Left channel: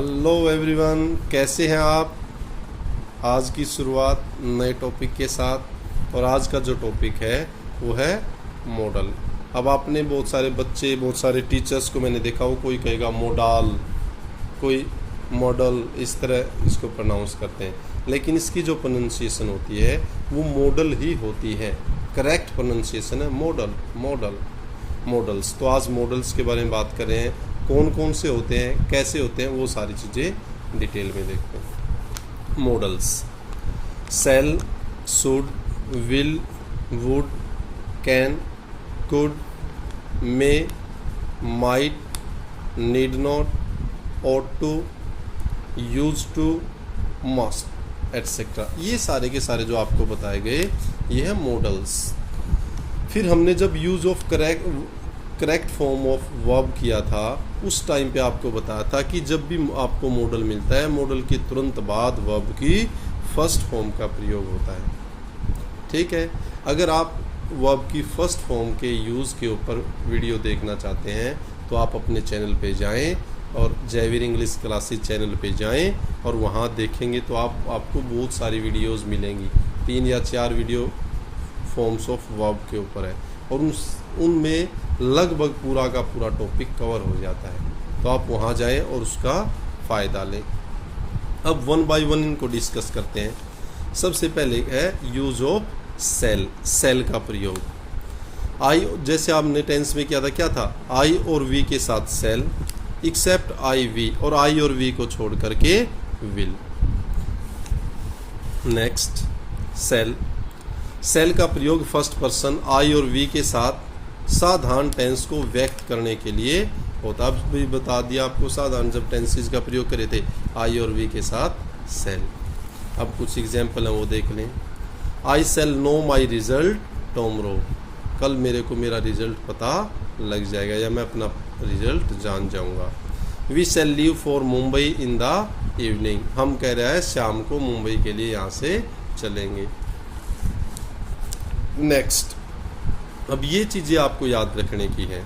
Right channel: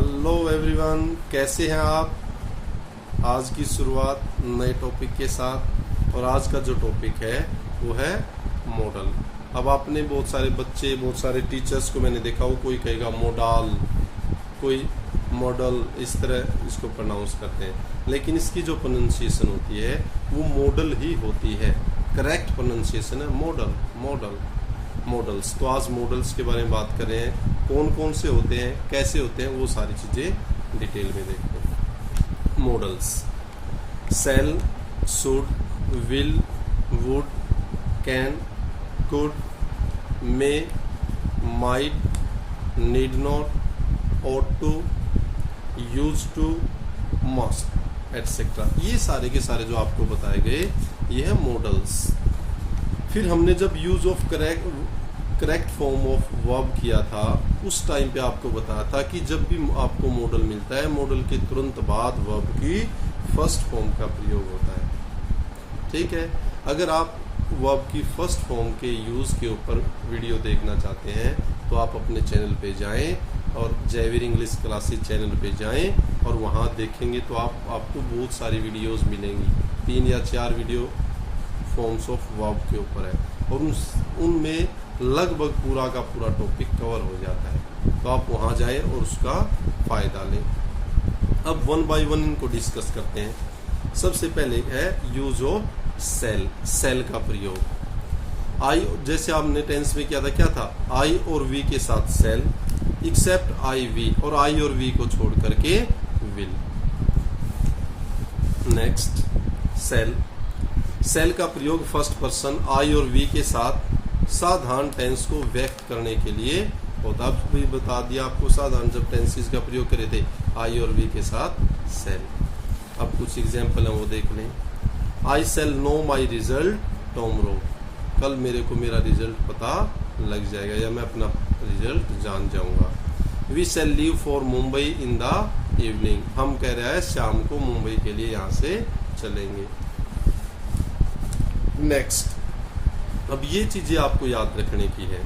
Hello everyone, कैसे हैं आप। आज की शुरुआत नए टॉपिक के साथ, और आज का जो टॉपिक है वो है मॉडल। अब आपने बहुत सारे बच्चे, बहुत सारे टीचर्स को मैंने देखा हो, कोई कहेगा मॉडल, कोई मॉडल, इस तरह इसको प्रोनाउंस करते हैं, लेकिन इसकी जो प्रोनाउंसिएशन होती है वो मॉडल ही होती है। करेक्ट प्रोनाउंसिएशन है मॉडल, मॉडल, मॉडल्स। तो आज मॉडल्स के बारे में बात कर रहे हैं, कौन कौन से होते हैं, कैसे होते हैं, वो सारी चीज़ें डिटेल में देखते हैं। Modals: shall, should, will, would, can, could, may, might, need not, ought to, used to, must, etc. ये सारे के सारे जो आपको बताए गए ये है मॉडल्स। फिर हमने जब use of correct form of verb किया था, उस टाइम पे आपको बताया था कि जब भी आपको मॉडल मिलता है, मॉडल के तुरंत बाद वर्ब की फर्स्ट फॉर्म का प्रयोग होता है। ठीक है, अगर आप वर्ब की फर्स्ट फॉर्म के यूज़ के ऊपर वीडियो देखना चाहते हैं तो आप अपने चैनल पे जाएं और जयवीर इंग्लिश क्लासेस चैनल पे जाएं और वहाँ देखेंगे तो आपको बहुत सारी वीडियोस मिलेंगी। 3 या 4 वीडियो फॉर्म्स ऑफ वर्ब के ऊपर है, और उनमें लगभग पूरा का पूरा टॉपिक कवर हो जाता है। तो आप वहाँ जाएं और उसका फ़ायदा लें। अब 1 बाय 1 इनको डिस्कस करते हैं। सबसे पहले है यूज ऑफ सेल, सेल का प्रयोग। आई, जैसे आपने टेंस में किया था, क्या था, आई और वी के साथ सेल, एक्सेप्ट आई वी, और आई और वी को छोड़ करके विल। नेक्स्ट, सेल, सेल का प्रयोग फर्स्ट पर्सन आई और वी के साथ साधारण टेंस को व्यक्त करने के लिए होता। अब भी बता दिया आपको, साधारण जब टेंसेस का प्रयोग करे थे आई और वी के साथ सेल। अब कुछ एग्जाम्पल है वो देख लें। I shall know my result tomorrow, कल मेरे को मेरा रिजल्ट पता लग जाएगा या मैं अपना रिजल्ट जान जाऊंगा। We shall leave for Mumbai in the evening, हम कह रहे हैं शाम को मुंबई के लिए यहाँ से चलेंगे। नेक्स्ट, अब ये चीजें आपको याद रखने की है।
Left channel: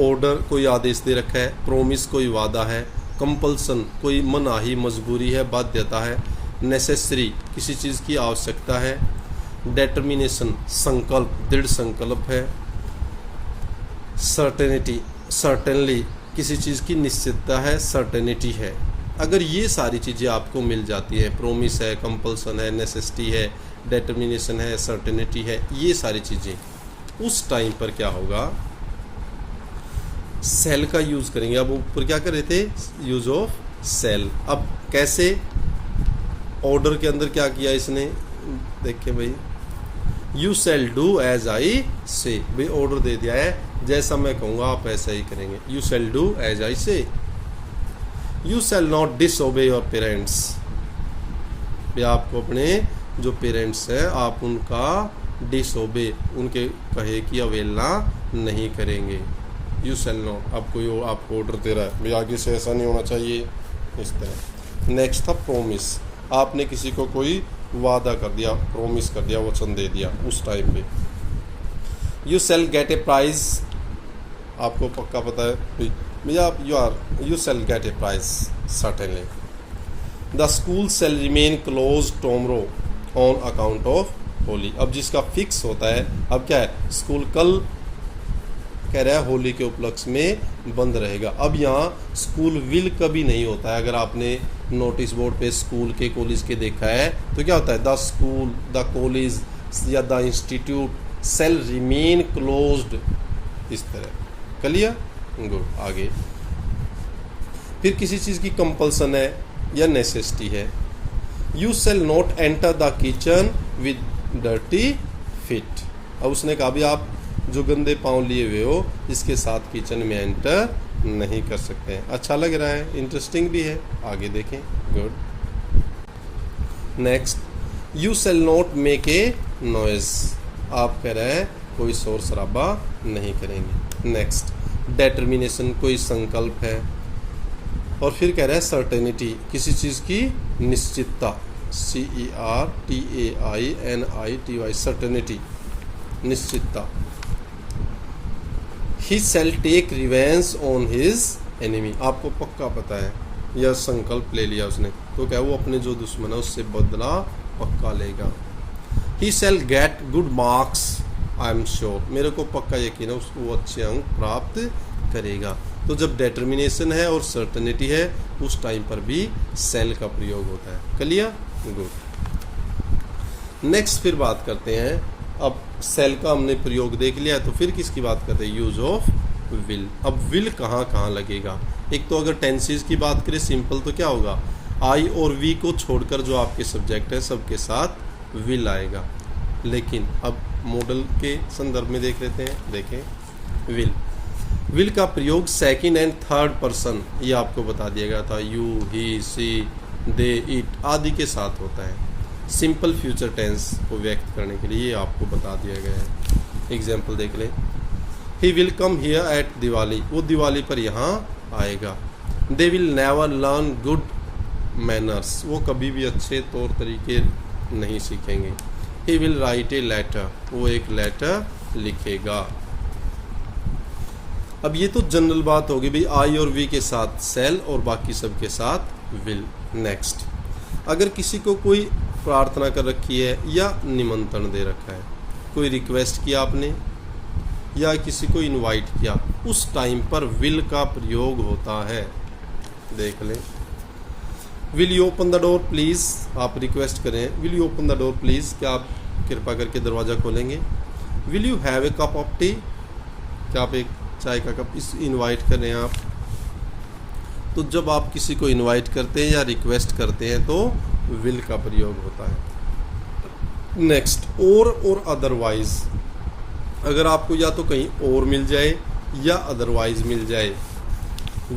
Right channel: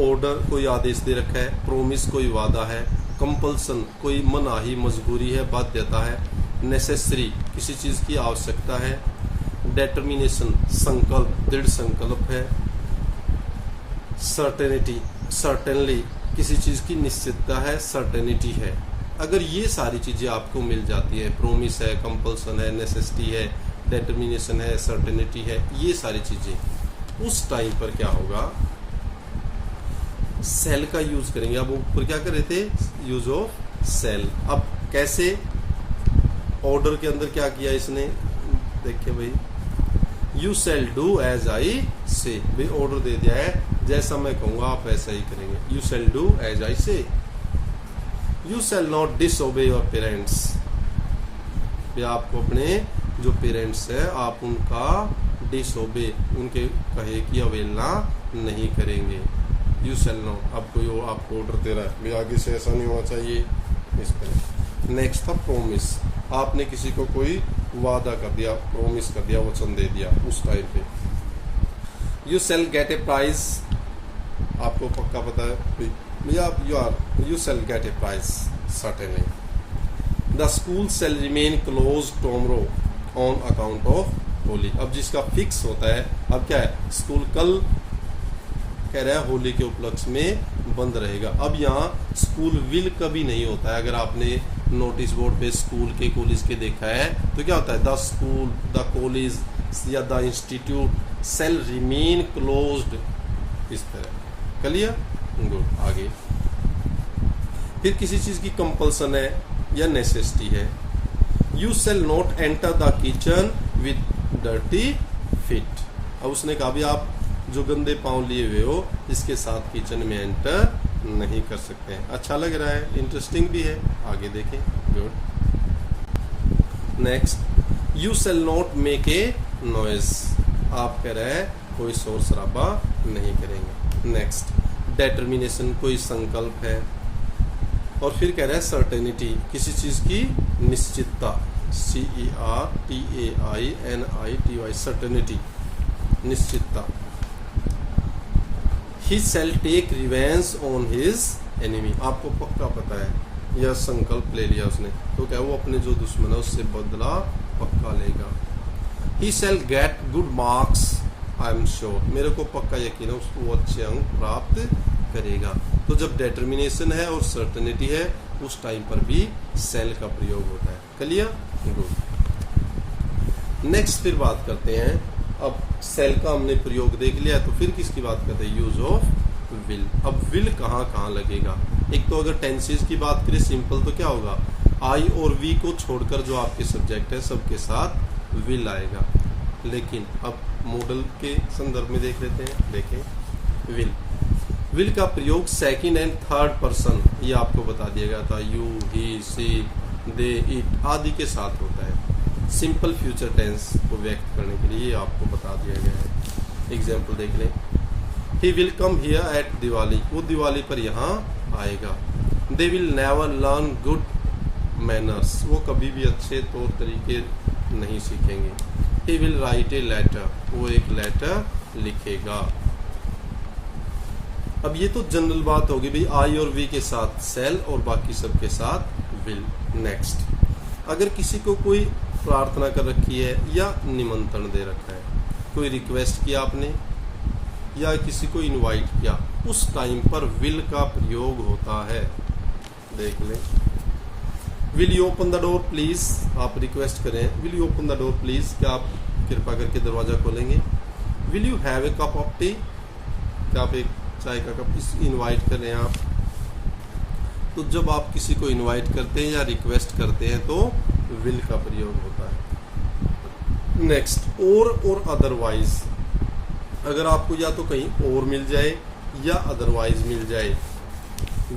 ऑर्डर कोई आदेश दे रखा है, प्रोमिस कोई वादा है, कंपल्सन कोई मनाही मजबूरी है, बाध्यता है, नेसेसरी किसी चीज की आवश्यकता है, डेटर्मिनेशन संकल्प, दृढ़ संकल्प है, सर्टेनिटी सर्टेनली किसी चीज़ की निश्चितता है, सर्टेनिटी है। अगर ये सारी चीज़ें आपको मिल जाती है, प्रोमिस है, कंपल्सन है, नेसेसिटी है, डेटर्मिनेशन है, सर्टेनिटी है, ये सारी चीज़ें, उस टाइम पर क्या होगा, सेल का यूज़ करेंगे। अब ऊपर क्या कर रहे थे, यूज ऑफ सेल। अब कैसे, ऑर्डर के अंदर क्या किया इसने, देखिए भाई, you shall do as I say, भाई ऑर्डर दे दिया है, जैसा मैं कहूँगा आप ऐसा ही करेंगे। You shall do as I say. You shall not disobey your parents, भाई आपको अपने जो पेरेंट्स है आप उनका डिसओबे, उनके कहे की अवहेलना नहीं करेंगे। यू सेल नॉट, अब कोई आपको ऑर्डर दे रहा है, भाई आगे से ऐसा नहीं होना चाहिए, इस तरह। नेक्स्ट था प्रोमिस, आपने किसी को कोई वादा कर दिया, प्रोमिस कर दिया, वचन दे दिया उस टाइम पे। You shall get a prize, आपको पक्का पता है भैया, you shall get a prize certainly. The school shall remain close tomorrow on account of Holi, अब जिसका फिक्स होता है, अब क्या है, स्कूल कल कह रहा है होली के उपलक्ष्य में बंद रहेगा। अब यहाँ स्कूल विल कभी नहीं होता है। अगर आपने नोटिस बोर्ड पे स्कूल के, कॉलेज के देखा है तो क्या होता है, द स्कूल, द कॉलेज या the institute shall remain closed, इस तरह। Clear, good. आगे फिर किसी चीज की कंपल्सन है या नेसेसिटी है। You shall not enter the kitchen with dirty feet, अब उसने कहा भी आप जो गंदे पांव लिए हुए हो इसके साथ किचन में एंटर नहीं कर सकते हैं। अच्छा लग रहा है, इंटरेस्टिंग भी है, आगे देखें। Good. Next, you shall not make a noise, आप कह रहे हैं कोई शोर शराबा नहीं करेंगे। नेक्स्ट, डेटर्मिनेशन कोई संकल्प है, और फिर कह रहे हैं सर्टेनिटी किसी चीज की निश्चितता, CERTAINITY, सर्टेनिटी, निश्चितता। He shall take revenge on his enemy, आपको पक्का पता है या संकल्प ले लिया उसने, तो क्या वो अपने जो दुश्मन है उससे बदला पक्का लेगा। He shall get good marks I am sure, मेरे को पक्का यकीन है उसको वो अच्छे अंक प्राप्त करेगा। तो जब डेटर्मिनेशन है और सर्टेनिटी है उस टाइम पर भी शैल का प्रयोग होता है। क्लियर? गुड। नेक्स्ट फिर बात करते हैं, अब शैल का हमने प्रयोग देख लिया है, तो फिर किसकी बात करते हैं? Use of will. अब विल कहाँ कहाँ लगेगा? एक तो अगर टेंसेस की बात करें सिंपल तो क्या होगा, आई और वी को छोड़कर जो आपके सब्जेक्ट है सबके साथ विल आएगा। लेकिन अब मॉडल के संदर्भ में देख लेते हैं। देखें विल का प्रयोग सेकंड एंड थर्ड पर्सन, ये आपको बता दिया गया था, you, he, C, they, it आदि के साथ होता है। सिंपल फ्यूचर टेंस को व्यक्त करने के लिए आपको बता दिया गया है। एग्जाम्पल देख लें, he will come here at Diwali, वो दिवाली पर यहाँ आएगा। They will never learn good manners, वो कभी भी अच्छे तौर तरीके नहीं सीखेंगे। He will write a letter, वो एक लेटर लिखेगा। अब ये तो जनरल बात होगी भाई, आई और वी के साथ सेल और बाकी सब के साथ विल। नेक्स्ट, अगर किसी को कोई प्रार्थना कर रखी है या निमंत्रण दे रखा है, कोई रिक्वेस्ट किया आपने या किसी को इनवाइट किया, उस टाइम पर विल का प्रयोग होता है। देख लें, will you open the door please, आप रिक्वेस्ट करें will you open the door please, क्या आप कृपा करके दरवाजा खोलेंगे। Will you have a cup of T, क्या आप एक चाय का कप इनवाइट कर रहे हैं आप। तो जब आप किसी को इनवाइट करते हैं या रिक्वेस्ट करते हैं तो विल का प्रयोग होता है। नेक्स्ट, और अदरवाइज, अगर आपको या तो कहीं और मिल जाए या अदरवाइज मिल जाए।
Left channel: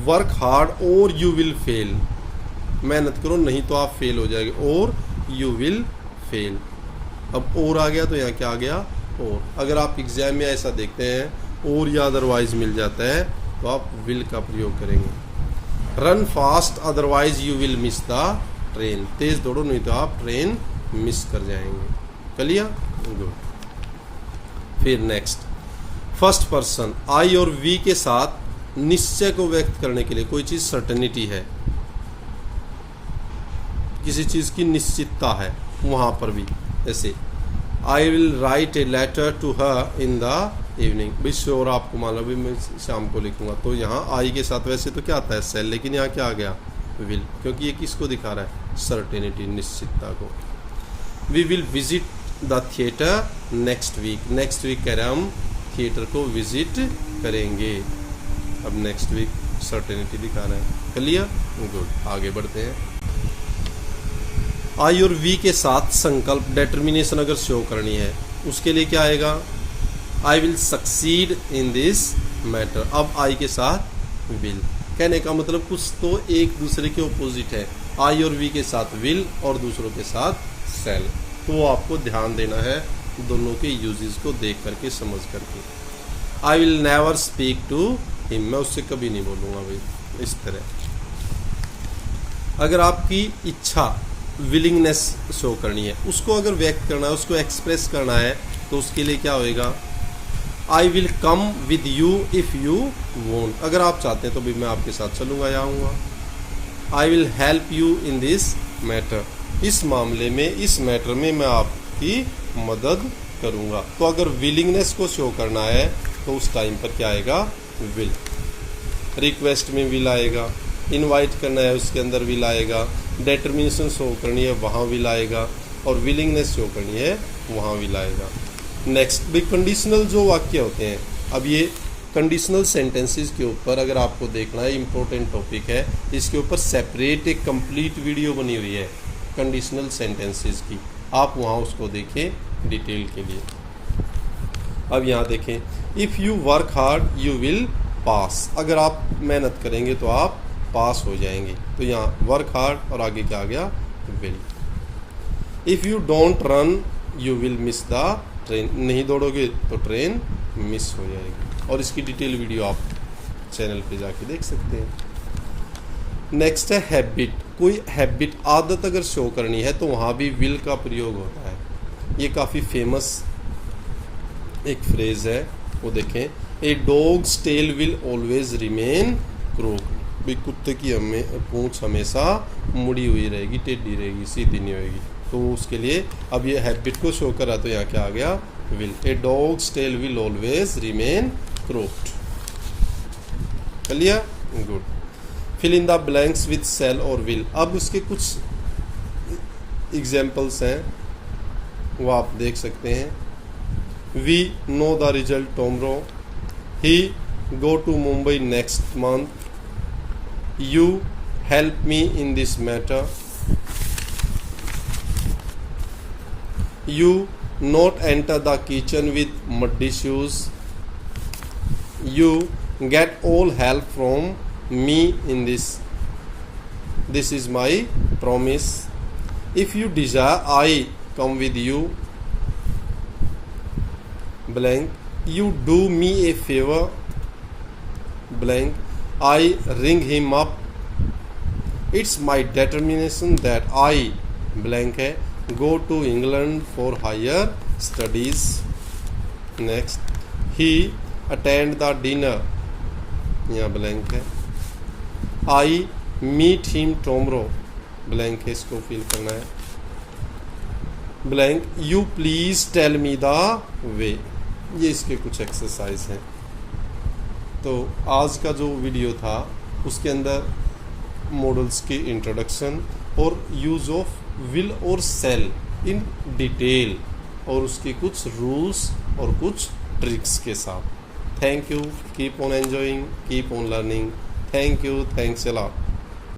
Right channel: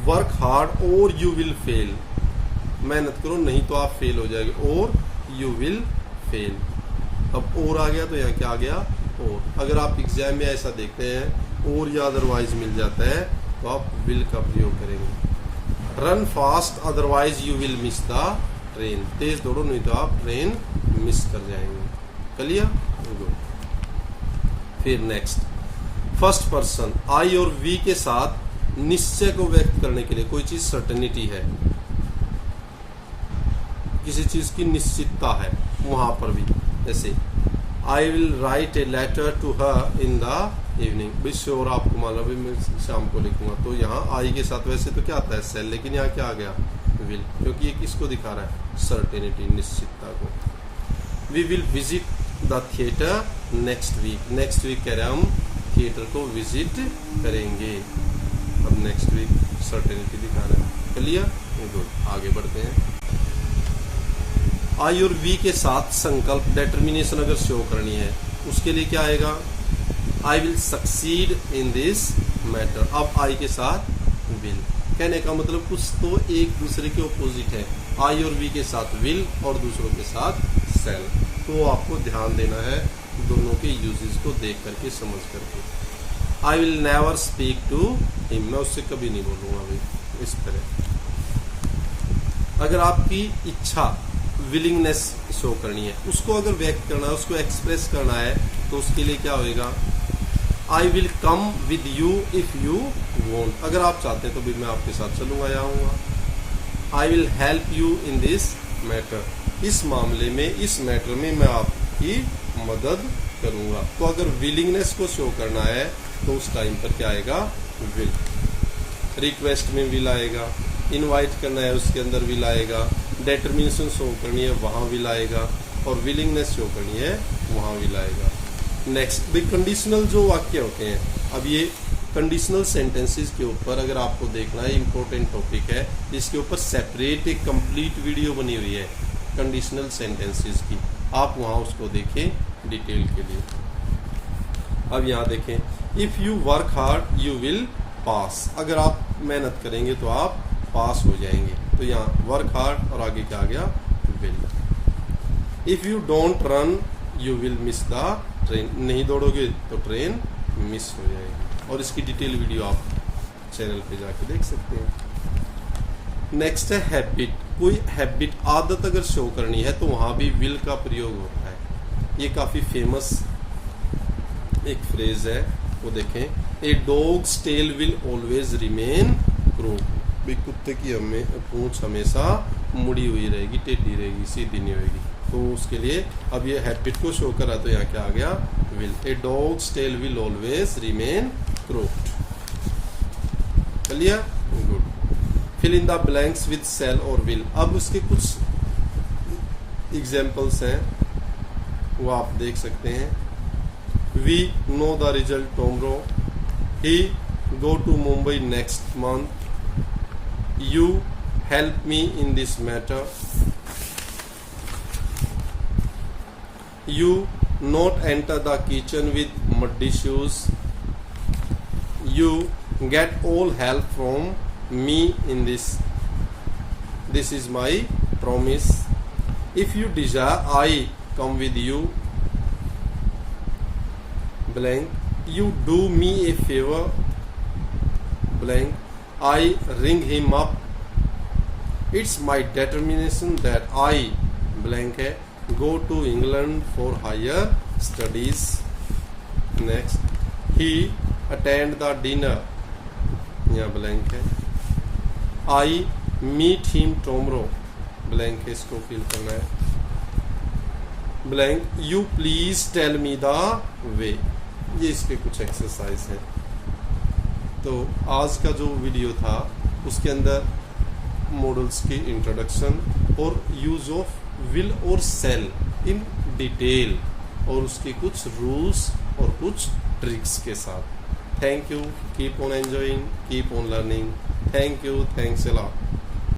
वर्क हार्ड और यू विल फेल, मेहनत करो नहीं तो आप फेल हो जाएंगे, और यू विल फेल। अब और आ गया तो यहाँ क्या आ गया, और। अगर आप एग्जाम में ऐसा देखते हैं और या अदरवाइज मिल जाता है तो आप विल का प्रयोग करेंगे। Run fast otherwise you will miss the train, तेज दौड़ो नहीं तो आप ट्रेन मिस कर जाएंगे। क्लियर? गुड। फिर नेक्स्ट, फर्स्ट पर्सन आई और वी के साथ निश्चय को व्यक्त करने के लिए, कोई चीज सर्टेनिटी है, किसी चीज की निश्चितता है, वहां पर भी जैसे I will write a letter to her in the evening, wish और आपको मालूम भी मैं शाम को लिखूंगा, तो यहाँ आई के साथ वैसे तो क्या आता है सेल, लेकिन यहाँ क्या आ गया विल, क्योंकि ये किसको दिखा रहा है, सर्टेनिटी, निश्चितता को। We will visit the theatre next week, next week कह रहे हम थिएटर को विजिट करेंगे। अब नेक्स्ट वीक सर्टेनिटी दिखा रहा है। क्लियर? गुड। आगे बढ़ते हैं। आई और वी के साथ संकल्प, डिटर्मिनेशन अगर शो करनी है उसके लिए क्या आएगा, I will succeed in this matter. अब आई के साथ विल, कहने का मतलब कुछ तो एक दूसरे के ऑपोजिट है, आई और वी के साथ विल और दूसरों के साथ सेल, तो आपको ध्यान देना है दोनों के यूजेस को देख करके समझ करके। I will never speak to him, मैं उससे कभी नहीं बोलूंगा भाई, इस तरह। अगर आपकी इच्छा विलिंगनेस शो करनी है, उसको अगर व्यक्त करना है, उसको एक्सप्रेस करना है, तो उसके लिए क्या होएगा, I will come with you if you want, अगर आप चाहते हैं तो भी मैं आपके साथ चलूंगा या आऊँगा। I will help you in this matter, इस मामले में, इस मैटर में मैं आपकी मदद करूंगा। तो अगर विलिंगनेस को शो करना है तो उस टाइम पर क्या आएगा, विल। रिक्वेस्ट में विल आएगा, इनवाइट करना है उसके अंदर विल आएगा, डिटर्मिनेशन शो करनी है वहाँ विल आएगा, और विलिंगनेस शो करनी है वहाँ विल आएगा। नेक्स्ट, भी कंडीशनल जो वाक्य होते हैं, अब ये कंडीशनल सेंटेंसेस के ऊपर अगर आपको देखना है, इंपॉर्टेंट टॉपिक है, इसके ऊपर सेपरेट एक कंप्लीट वीडियो बनी हुई है कंडीशनल सेंटेंसेस की, आप वहाँ उसको देखें डिटेल के लिए। अब यहाँ देखें, if you work hard you will pass, अगर आप मेहनत करेंगे तो आप पास हो जाएंगे, तो यहाँ वर्क हार्ड और आगे क्या आ गया, will. If you don't run you will miss the train, नहीं दौड़ोगे तो ट्रेन मिस हो जाएगी, और इसकी डिटेल वीडियो आप चैनल पे जाके देख सकते हैं। नेक्स्ट है हैबिट, कोई हैबिट, आदत अगर शो करनी है तो वहाँ भी विल का प्रयोग होता है। ये काफ़ी फेमस एक फ्रेज है, वो देखें, a dog's tail will always remain crook, भी कुत्ते की पूंछ हमेशा मुड़ी हुई रहेगी, टेढ़ी रहेगी, सीधी नहीं होगी। तो उसके लिए अब ये हैबिट को शो करा, तो यहाँ क्या आ गया, will. A dog's tail will always remain crooked. Clear, good. Fill in the blanks with shall और विल। अब उसके कुछ एग्जाम्पल्स हैं, वो आप देख सकते हैं। We know the result tomorrow, he go to Mumbai next month, you help me in this matter, you not enter the kitchen with muddy shoes, you get all help from me in this is my promise, if you desire I come with you blank, you do me a favor blank, I ring him up, it's my determination that I blank है go to England for higher studies, next, he attend the dinner, यहाँ blank है, I meet him tomorrow blank है, इसको fill करना है blank, you please tell me the way। ये इसके कुछ एक्सरसाइज हैं। तो आज का जो वीडियो था उसके अंदर मॉडल्स की इंट्रोडक्शन और यूज ऑफ विल और सेल इन डिटेल और उसके कुछ रूल्स और कुछ ट्रिक्स के साथ। Thank you, keep on enjoying, keep on learning. Thank you, thanks a lot.